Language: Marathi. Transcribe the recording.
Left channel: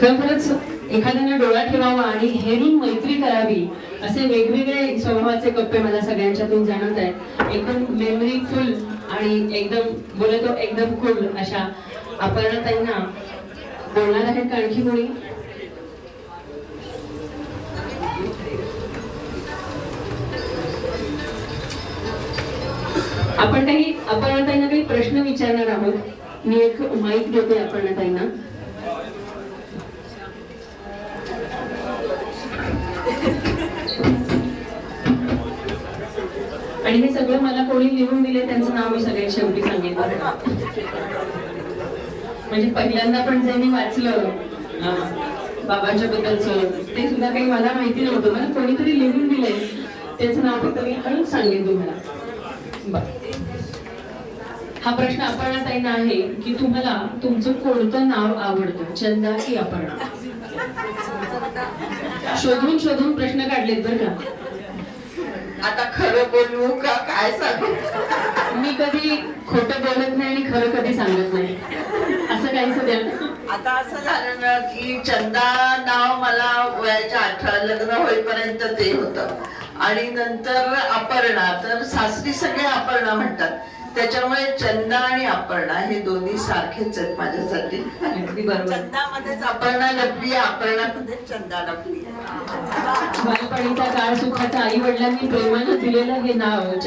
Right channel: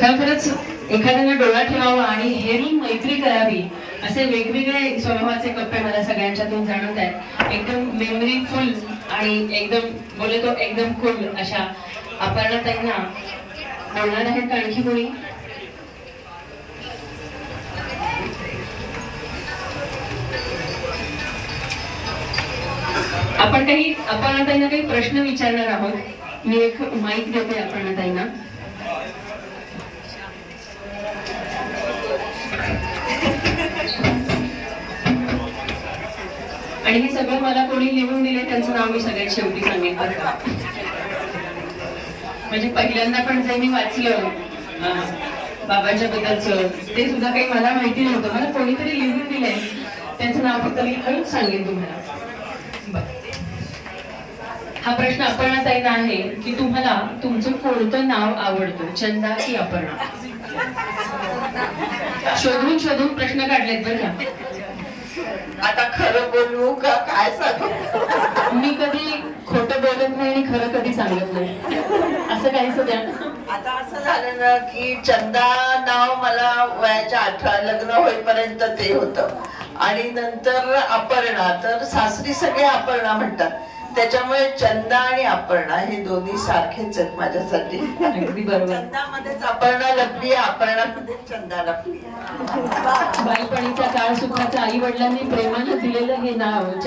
खरंच एखाद्याने डोळा ठेवावा आणि हेरी मैत्री करावी असे वेगवेगळे स्वभावाचे कप्पे मला सगळ्यांच्यातून जाणवत आहेत. एकदम मेमरी फुल आणि एकदम बोले तो एकदम कूल अशा अपर्णाताईंना बोलणार आहेत आणखी कोणी? आपण काही अपर्णाताईंना काही प्रश्न विचारणार आहोत. मी एक माईक देते अपर्णाताईंना. आणि हे सगळं मला कोणी लिहून दिले त्यांचं नाव मी सगळ्यात शेवटी सांगेन बरं का. म्हणजे पहिल्यांदा पण जे मी वाचलं बाबांच्या बद्दलचं ते सुद्धा काही मला माहिती नव्हतं. मला कोणीतरी लिहून दिले त्याचं नाव फक्त मी पण सांगेन तुम्हाला. हा प्रश्न अपर्णाताईंना आहे की तुम्हाला तुमचं कोणतं नाव आवडतं, चंदा की अपर्णा? शोधून शोधून प्रश्न काढलेत बरं का. आता खरं बोलू का काय सांगू? मी कधी खोटं बोलत नाही आणि खरं कधी सांगत नाही, असं काहीच द्या. आता असं झालं ना की चंदा नाव मला वयाच्या 18 लग्न होईपर्यंत ते होतं आणि नंतर अपर्णा, तर सासरी सगळे अपर्णा म्हणतात. त्याच्यामुळे चंदा आणि अपर्णा हे दोन्ही सारखेच आहेत माझ्यासाठी. अगदी बरोबर. चंदामध्येच अपर्णा लपली, अपर्णामध्ये चंदा लपली. बालपणीचा काळ सुखाचा आई वडिलांनी प्रेमानं दिलेलं हे नाव